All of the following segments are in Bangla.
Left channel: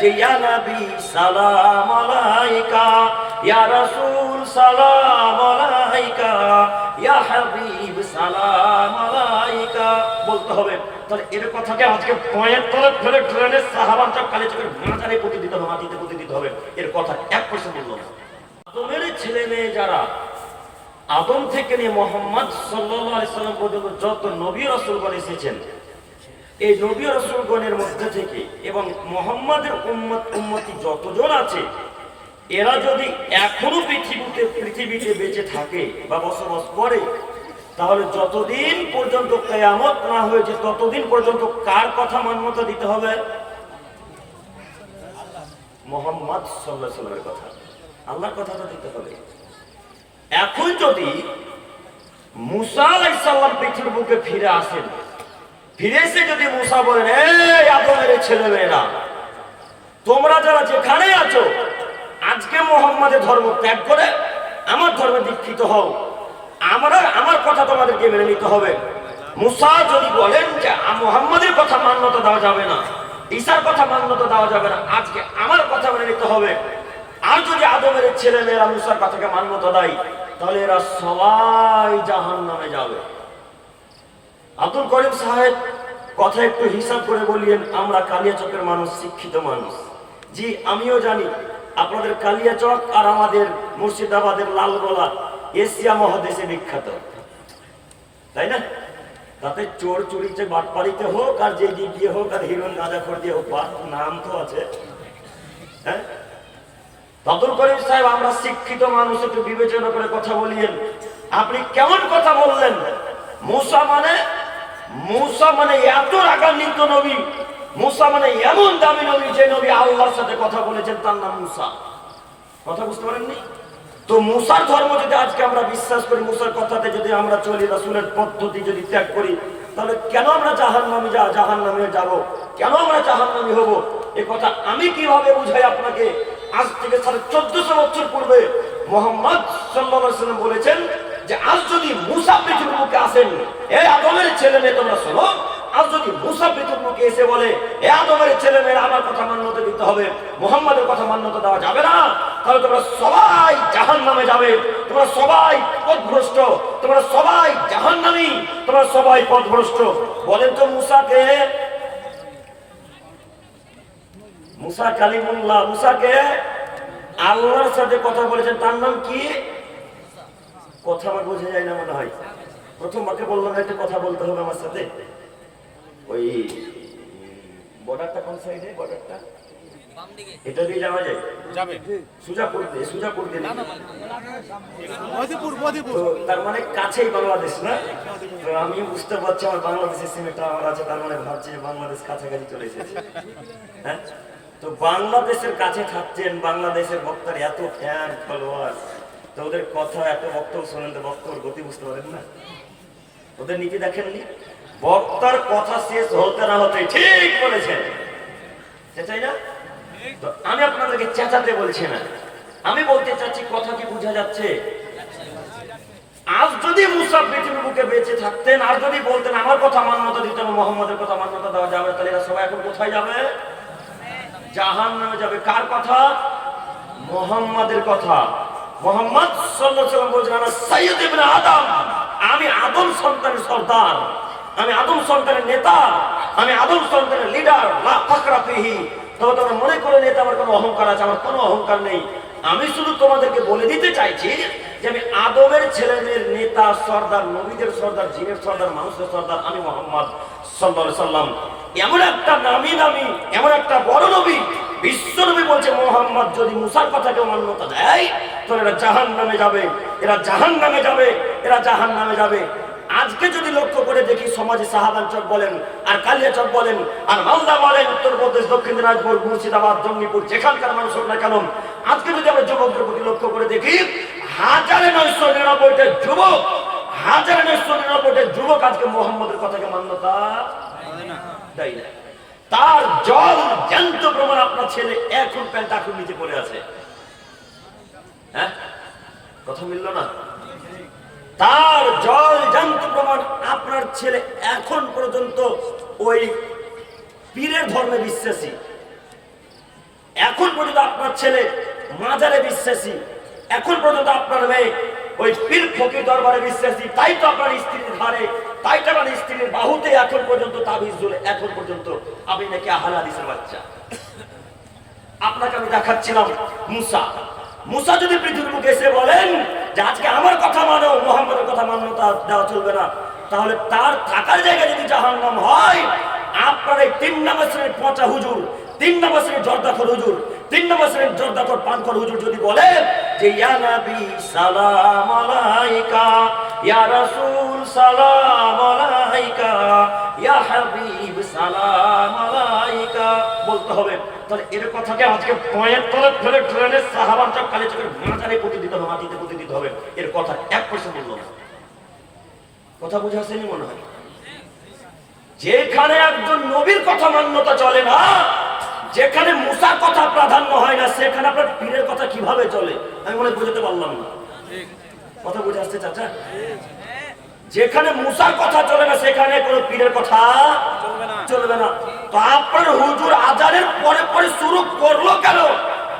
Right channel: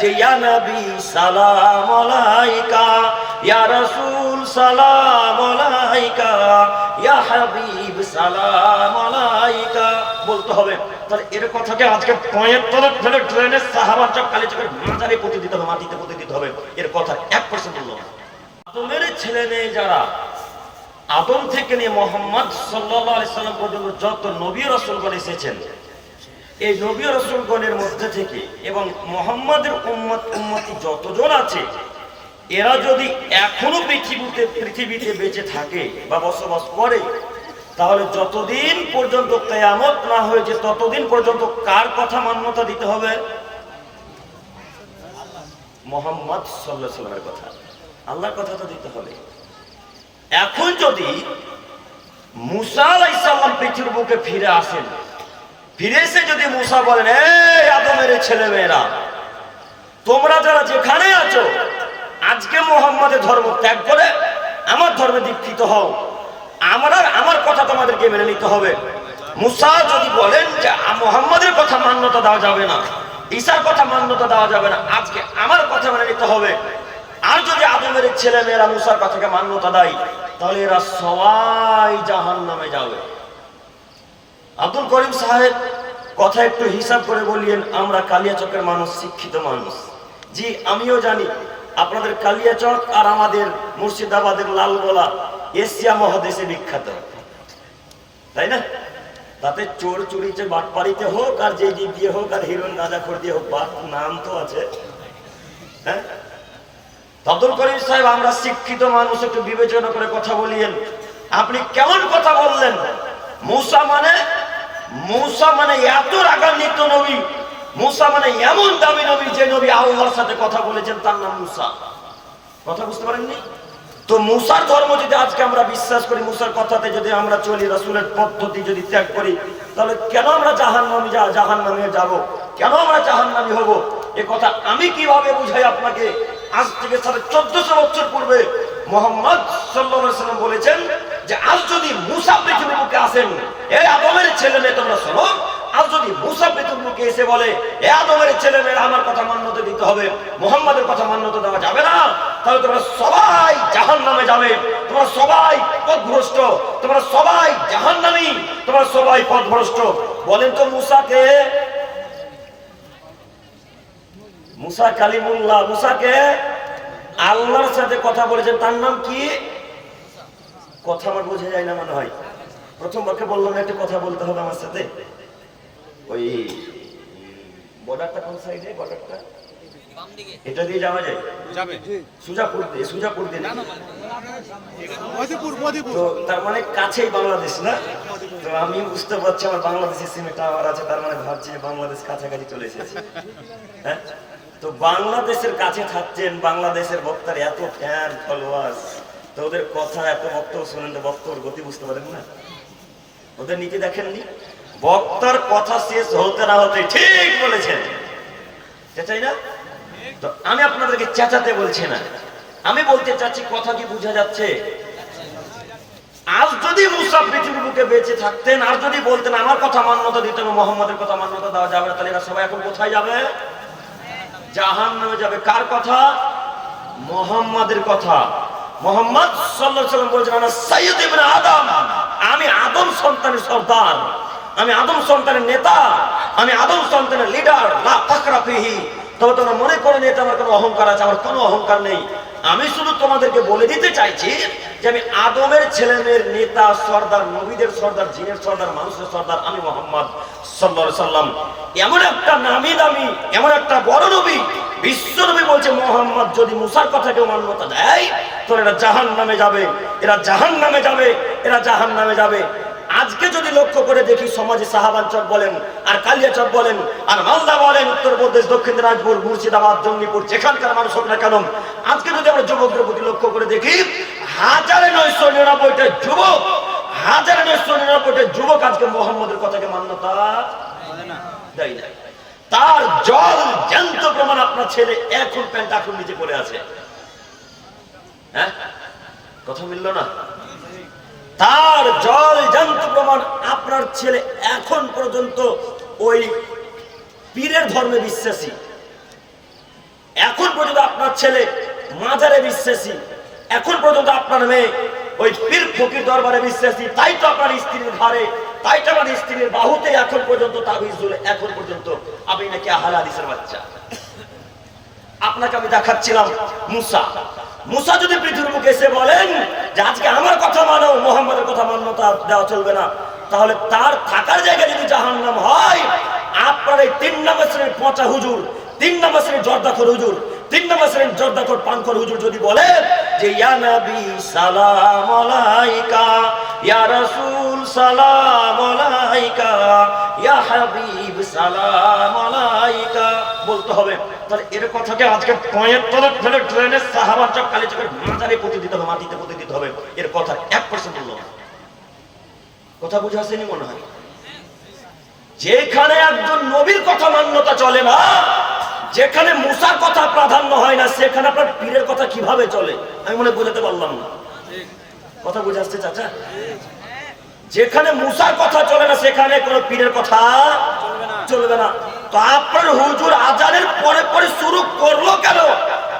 যে ইয়া নবী সালাম আলাইকা, ইয়া রাসূল সালাম আলাইকা, ইয়া হাবিব সালাম আলাইকা বলতে হবে। তাহলে এর কথাকে আজকে পয়েন্ট তলে ফেলে ট্রেনের সাহাবার চক কালে চকের মাজারে পুঁতে দিতে হবে, মাটিতে পুঁতে দিতে হবে। এর কথা 1% বললো না। আদমের ছেলে মেয়ে যারা, আদম থেকে নিয়ে মুহাম্মদ সাল্লাল্লাহু আলাইহি সাল্লাম পর্যন্ত যত নবী রাসূলগণ এসেছেন, এই নবী রাসূলগণের মধ্যে থেকে এবং মুহাম্মাদের উম্মতি যতজন আছে, এরা যদি এখনো পৃথিবীতে বেঁচে থাকে বা বসবাস করে, তাহলে যতদিন পর্যন্ত কিয়ামত না হয়েছে ততদিন পর্যন্ত কার কথা মান্যতা দিতে হবে? মুহাম্মদ সাল্লাল্লাহু আলাইহি সাল্লামের কথা, আল্লাহর কথা তো দিতে হবে। এখন যদি মুসা আলাইহিস সালাম পৃথিবীর বুকে ফিরে আসেন, ফিরে এসে যদি মুসা বলেন, এই আদমের ছেলেমেয়েরা, তোমরা যারা যেখানে আছো, আজকে মুহাম্মাদের ধর্ম ত্যাগ করে আমার ধর্মে দীক্ষিত হও, আমার কথা তোমাদেরকে মেনে নিতে হবে। মুসা যদি বলেন যে মুহাম্মাদের কথা মান্যতা দেওয়া যাবে না, ঈসার কথা মান্যতা দেওয়া যাবে না, আজকে আমার কথা মেনে নিতে হবে, আর যদি আদমের ছেলে মেয়েরা মুসার কথাকে মান্যতা দেয়, তাহলে এরা সবাই জাহান্নামে যাবে। আব্দুল করিম সাহেব কথা একটু হিসাব করে বললেন, আমরা কালিয়াচকের মানুষ, শিক্ষিত মানুষ। জি, আমিও জানি আপনাদের কালিয়াচক আর আমাদের মুর্শিদাবাদের লালগোলা এশিয়া মহাদেশে বিখ্যাত, তাই না? তাতে চোর চুরিতে বাটপাড়িতে হোক আর যে দিক দিয়ে হোক আর হিরোইন গাঁজাখোর দিয়ে হোক, নাম তো আছে। হ্যাঁ, আব্দুল করিম সাহেব, আমরা শিক্ষিত মানুষ, একটু বিবেচনা করে কথা বলিয়েন। আপনি কেমন কথা বললেন? মুসা মানে এত রাগান্বিত নবী, মুসা মানে এমন দামি নবী, যে নবী আল্লাহর সাথে কথা বলেছেন তার নাম মুসা। কথা বুঝতে পারেননি তো? মুসার ধর্ম যদি আজকে আমরা বিশ্বাস করি, মুসার কথাতে যদি আমরা চলি, রাসূলের পদ্ধতি যদি ত্যাগ করি, তাহলে কেন আমরা জাহান্নামে যাব? কেন আমরা জাহান্নামী হব? এ কথা আমি কিভাবে বুঝাই আপনাকে? আজ থেকে 1450 বছর পূর্বে মুহাম্মদ সাল্লাল্লাহু আলাইহি ওয়াসাল্লাম বলেছেন যে আজ যদি মুসা পৃথিবীর বুকে আসেন, এই আদমের ছেলে মেয়ে তোমরা শোনো, আজ যদি মুসা পৃথিবীর বুকে এসে বলে, এই আদমের ছেলে মেয়েরা আমার কথা মান্যতা দিতে হবে, মুহাম্মাদের কথা মান্যতা দেওয়া যাবে না, তাহলে তোমরা সবাই জাহান্নামে যাবে, তোমরা সবাই পথভ্রষ্ট, তোমরা সবাই জাহান্নামী, তোমরা সবাই পথভ্রষ্ট। বলেন তো মুসাকে, মুসা কালিমুল্লাহ, মুসাকে আল্লাহর সাথে কথা বলেছেন, তার নাম কি? কথা আমার বোঝা যায় না মনে হয়। প্রথম বাক্যে বললাম একটা কথা বলতে হবে আমার সাথে। ওই বর্ডারটা কোন সাইডে? বর্ডারটা বাম দিকে, এটা দিয়ে যাওয়া যায়? যাবে সুজাপুর দিয়ে না, মধুপুর। তো তার মানে কাছেই বাংলাদেশ না? তো আমি বুঝতে পারছি আমার বাংলাদেশের সিমেটা আমার আছে, তার মানে ভাবছি যে বাংলাদেশ কাছাকাছি চলে এসেছে। হ্যাঁ, তো বাংলাদেশের কাছে থাকছেন, বাংলাদেশের বক্তার এত ফ্যান ফলোয়ার, তো ওদের কথা এত বক্তব্য শোনেন, তো বক্তব্যের গতি বুঝতে পারেন না? ওদের নীতি দেখেননি? বক্তার কথা শেষ হতে না হতে ঠিক বলেছেন, চেঁচাই না? তো আমি আপনাদেরকে চেঁচাতে বলছি না, আমি বলতে চাচ্ছি, কথা কি বোঝা যাচ্ছে? আজ যদি মুসা পৃথিবীর বুকে বেঁচে থাকতেন, আর যদি বলতেন আমার কথা মান্যতা দিতেন, মুহাম্মাদের কথা মান্যতা দেওয়া যাবে, তাহলে এরা সবাই এখন কোথায় যাবে? জাহান্নামে যাবে। কার কথা? মুহাম্মাদের কথা। মুহাম্মদ সাল্লাল্লাহু আলাইহি ওয়াসাল্লাম বলেছেন, আনা সাইয়্যিদ ইবনে আদম, আমি আদম সন্তানের সর্দার, আমি আদম সন্তানের নেতা, আমি আদম সন্তানের লিডার। লা ফাকরা ফিহি, তবে তোমরা মনে করেন এটা আমার কোনো অহংকার আছে, আমার কোনো অহংকার নেই। আমি শুধু তোমাদেরকে বলে দিতে চাইছি যে আমি আদমের ছেলেমেয়ের নেতা, সর্দার, নবীদের সর্দার, জিনের সর্দার, মানুষের সর্দার, আমি মুহাম্মদ সাল্লাল্লাহু আলাইহি ওয়াসাল্লাম। এমন একটা নামি দামি, এমন একটা বড় নবী, বিশ্ব নবী বলছে মুহাম্মদ যদি মুসার কথাকেও মান্যতা দেয়, তো এরা জাহান্নামে যাবে, এরা জাহান্নামে যাবে, এরা জাহান্নামে যাবে। আজকে যদি লক্ষ্য করে দেখি, সমাজে সাহাবান চক বলেন, আর কালিয়াচক বলেন, আর মালদা বলেন, উত্তরপ্রদেশ, দক্ষিণ দিনাজপুর, মুর্শিদাবাদ, জঙ্গিপুর, যেখানকার মানুষ হোক না কেন, আজকে যদি আমরা যুবকদের প্রতি লক্ষ্য করে দেখি, 1999টা যুবক, 1999টা যুবক আজকে মুহাম্মদের কথাকে মান্যতা দেয় না। তার জল জ্যান্ত প্রমাণ আপনার ছেলে এখন প্যান্ট এখন নিচে পড়ে আছে। হ্যাঁ, কথা মিলল না? তার জল জ্যান্ত প্রমাণ আপনার ছেলে এখন পর্যন্ত ওই পীরের ধর্মে বিশ্বাসী। ছেলে মাজারে বিশ্বাসী, এখন পর্যন্ত আপনার মেয়ে ওই পীর ফকির দরবারে বিশ্বাসী, তাই তো আপনার স্ত্রীর ঘাড়ে, তাই তো আপনার স্ত্রীর বাহুতে এখন পর্যন্ত তাবিজ ঝুলে, এখন পর্যন্ত আপনি নাকি আহলে হাদিসের বাচ্চা। আপনাকে আমি দেখাচ্ছিলাম মুসা। মুসা যদি পৃথিবীর মুখে এসে বলেন যে আজকে আমার কথা মানো, মুহাম্মদের কথা মান্যতা দেওয়া চলবে না, তাহলে তার থাকার জায়গা যদি জাহান্নাম হয়, আপনার এই 3 নম্বর শ্রেণীর পচা হুজুর, 3 নম্বর শ্রেণীর জর্দাখর হুজুর, 3 নম্বর শ্রেণীর জর্দাখর পানখর হুজুর যদি বলে যে ইয়া নবী সালাম আলাইকা, ইয়া রাসূল সালাম আলাইকা, ইয়া হাবিব সালাম আলাইকা বলতে হবে, তাহলে এর কথাকে আজকে পয়েন্ট তলে ফেলে ট্রেনের সাহাবার চক কালি চকের মাজারে পুঁতে দিতে হবে, মাটিতে পুঁতে দিতে হবে। এর কথা 1% বলবো না। কথা বুঝে আসেনি মনে হয়? যেখানে একজন নবীর কথা মান্যতা চলে না, যেখানে মুসার কথা প্রাধান্য হয় না, সেখানে আপনার পীরের কথা কিভাবে চলে? আমি মনে বুঝাতে পারলাম না। কথা বুঝে আসছে চাচা? যেখানে মুসার কথা চলে না, সেখানে কোনো পীরের কথা চলবে না। তো আপনার হুজুর আজানের পরে পরে শুরু করলো কেন?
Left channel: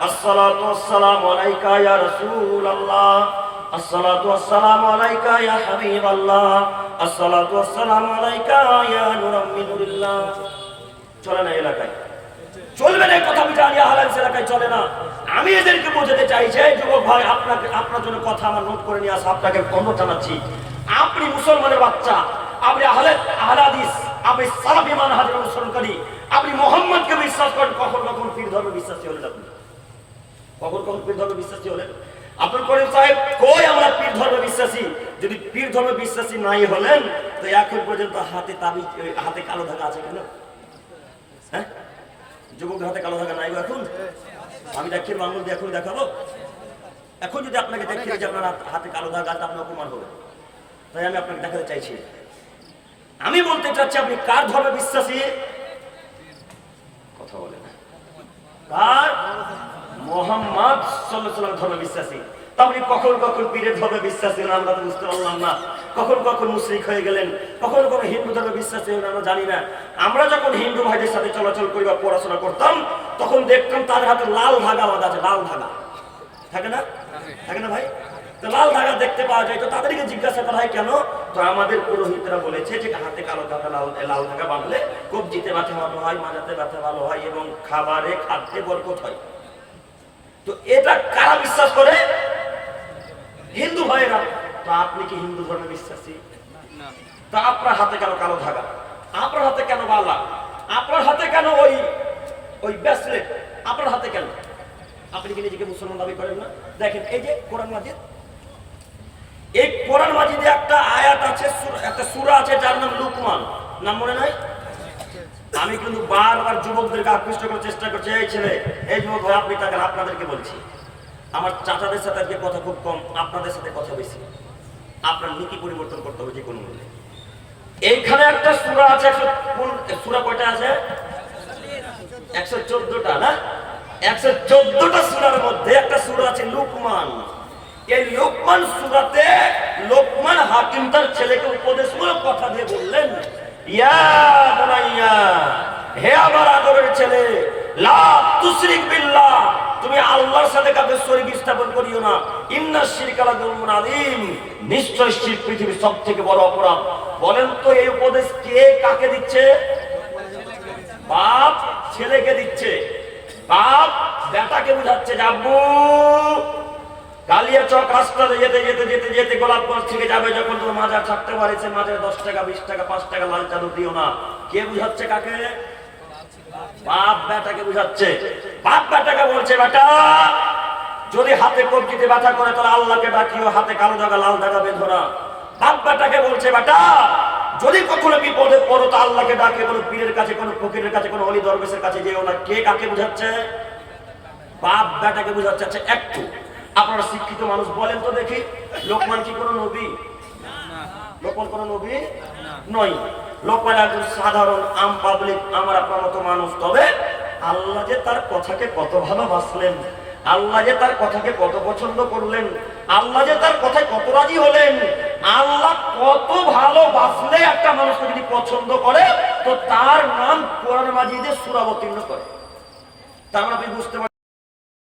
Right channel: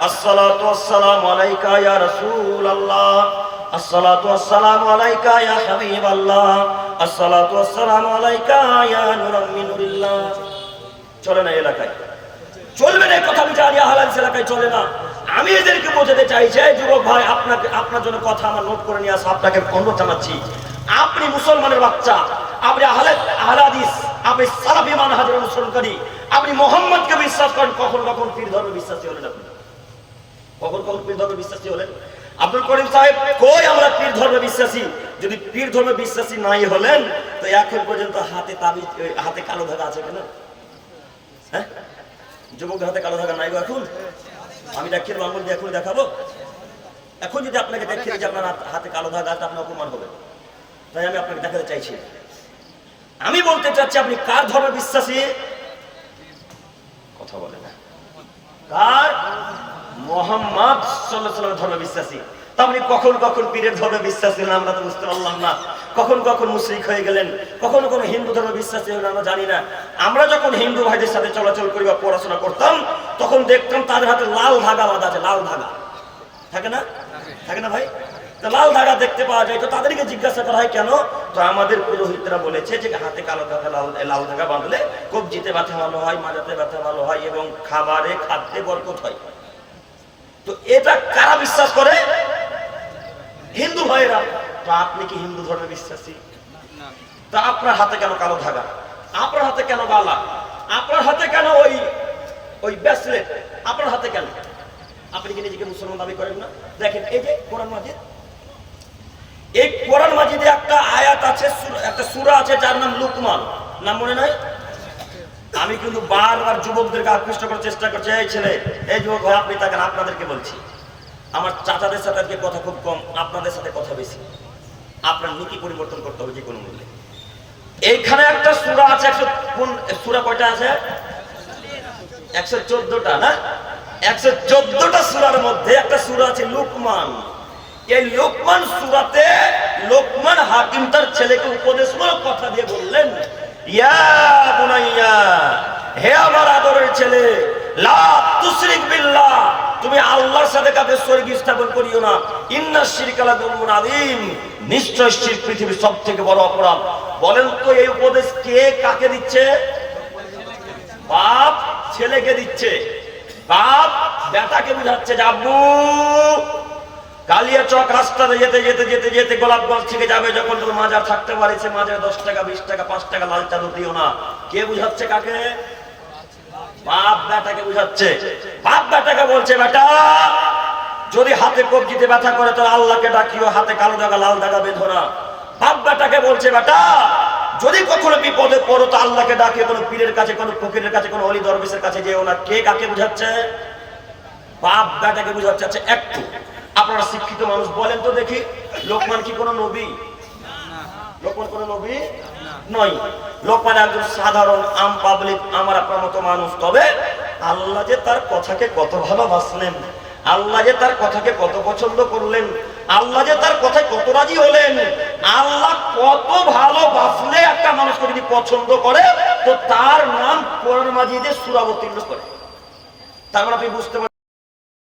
আসসালাতু ওয়াসসালামু আলাইকা ইয়া রাসূলুল্লাহ, আসসালাতু ওয়াসসালামু আলাইকা ইয়া হাবিবাল্লাহ, আসসালাতু ওয়াসসালামু আলাইকা ইয়া নূরাম মিন নূরিল্লাহ। চলে না এলাকায়, চলবে না কথা। আমি জানি আহলে হাদিস এলাকায় চলে না। আমি এদেরকে বোঝাতে চাইছি, যুবক ভাই, আপনার জন্য কথা আমার নোট করে নিয়ে আসা, আপনাকে অনুরোধ জানাচ্ছি। আপনি মুসলমানের বাচ্চা, আপনি আহলে হাদিস, আপনি সালাফি মানহাজের অনুসরণকারী, আপনি মুহাম্মদকে বিশ্বাস করেন, কখন কখন পীর ধর্মে বিশ্বাসী হলেন? আপনি কখন কখন পীর ধর্মে বিশ্বাসী হলেন? আব্দুল করিম সাহেব কই আমরা পীর ধর্মে বিশ্বাসী? যদি পীর ধর্মে বিশ্বাসী নাই হলেন, তো এখন পর্যন্ত হাতে তাবিজ, হাতে কালো ধাগা আছে কেন? হ্যাঁ, যুবকদের হাতে কালো ধাগা নাই এখন? আমি দেখিয়ে আঙ্গুল দিয়ে এখন দেখাবো? এখন যদি আপনাকে দেখিয়ে যে আপনার হাতে কালো ধাগা আছে, আপনি অপমান হবে। তাই আমি আপনাকে দেখাতে চাইছি। আমি বলতে চাচ্ছি, আপনি কার ধর্মে বিশ্বাসী? কথা বলে না। কার? মুহাম্মদ সাল্লাল্লাহু আলাইহি ওয়াসাল্লামের ধর্মে বিশ্বাসী। তা আপনি কখন কখন পীরের ধর্মে বিশ্বাসী না আমরা তো বুঝতে পারলাম না। কখন কখন মুশরিক হয়ে গেলেন, কখন কখন হিন্দু ধর্মে বিশ্বাসী হলেন আমরা জানি না। আমরা যখন হিন্দু ভাইদের সাথে চলাচল করি বা পড়াশোনা করতাম, তখন দেখতাম তাদের হাতে লাল ধাগা বাঁধা আছে। লাল ধাগা থাকে না? থাকে না ভাই? লাল ধাগা দেখতে পাওয়া যায়। তো তাদেরকে জিজ্ঞাসা করা হয় কেন? তো আমাদের পুরোহিতরা বলেছে যে হাতে কালো ধাগা, লাল ধাগা বাঁধলে কবজিতে ব্যথা ভালো হয়, মাজাতে ব্যথা ভালো হয় এবং খাদ্যে বরকত হয়। তো এটা কারা বিশ্বাস করে? হিন্দু ভাইরা। তো আপনি কি হিন্দু ধর্মে বিশ্বাসী? তা আপনার হাতে কেন কালো ধাগা? আপনার হাতে কেন বালা? আপনার হাতে কেন ওই ব্রেসলেট? আপনার হাতে কেন? আপনি কি নিজেকে মুসলমান দাবি করেন না? দেখেন এই যে কোরআন মাজিদ, এই কোরআন মাজিদে একটা আয়াত আছে, একটা সূরা আছে যার নাম লুকমান। নাম মনে নাই? আমি কিন্তু বারবার যুবকদেরকে আকৃষ্ট করার চেষ্টা করছি, এই ছেলে, এই যুবক ভাই, আপনি তাকে, আপনাদেরকে বলছি, আমার চাচাদের সাথে আজকে কথা খুব কম, আপনাদের সাথে কথা বেশি। আপনার নীতি পরিবর্তন করতে হবে যে কোনো মূল্যে। এইখানে একটা সূরা আছে, সূরা কয়টা আছে? 114টা না? 114টা সূরার মধ্যে একটা সূরা আছে লুকমান। এই লুকমান সূরাতে লোকমান হাকিম তার ছেলেকে উপদেশমূলক কথা দিয়ে বললেন, ইয়া বুনাইয়া, হে আমার আদরের ছেলে, লা তুশরিক বিল্লাহ, তুমি আল্লাহর সাথে কাউকে শরীক স্থাপন করিও না। ইন্নাশ শিরকা লাযুলমুন আযীম, নিশ্চয় শিরক পৃথিবীর সবথেকে বড় অপরাধ। বলেন তো এই উপদেশ কে কাকে দিচ্ছে? বাপ ছেলেকে দিচ্ছে। বাপ বেটাকে বুঝাচ্ছে যে আব্বু, কালিয়াচক রাস্তাতে যেতে যেতে যেতে যেতে গোলাপগঞ্জ থেকে যাবে যখন, তো মাজার থাকতে পারেছে, মাজার 10 টাকা 20 টাকা 5 টাকা লাল চাদর দিও না। কে বুঝাচ্ছে কাকে? বাপ বেটাকে বুঝাচ্ছে। বাপ বেটাকে বলছে, বেটা যদি হাতে কবজিতে ব্যথা করে তো আল্লাহকে ডাকিও, হাতে কালো দাগা লাল দাগা বেঁধো না। বাপ বেটাকে বলছে, বেটা যদি কখনো বিপদে পড়ো তো আল্লাহকে ডাকে, কোনো পীরের কাছে, কোনো ফকিরের কাছে, কোনো ওলি দরবেশের কাছে যেও না। কে কাকে বুঝাচ্ছে? বাপ বেটাকে বুঝাচ্ছে। আচ্ছা একটু আপনারা শিক্ষিত মানুষ বলেন তো দেখি, লোকমান কি কোনো নবী? লোকমান কোনো নবী নয়। লোকমান একজন সাধারণ আম পাবলিক, আমার আপনার মতো মানুষ। তবে আল্লাহ যে তার কথাকে কত ভালোবাসলেন, আল্লাহ যে তার কথাকে কত পছন্দ করলেন, আল্লাহ যে তার কথায় কত রাজি হলেন। আল্লাহ কত ভালোবাসলে একটা মানুষকে যদি পছন্দ করে, তো তার নাম কোরআন মাজিদে সূরা অবতীর্ণ করে। তার মানে আপনি বুঝতে পারছেন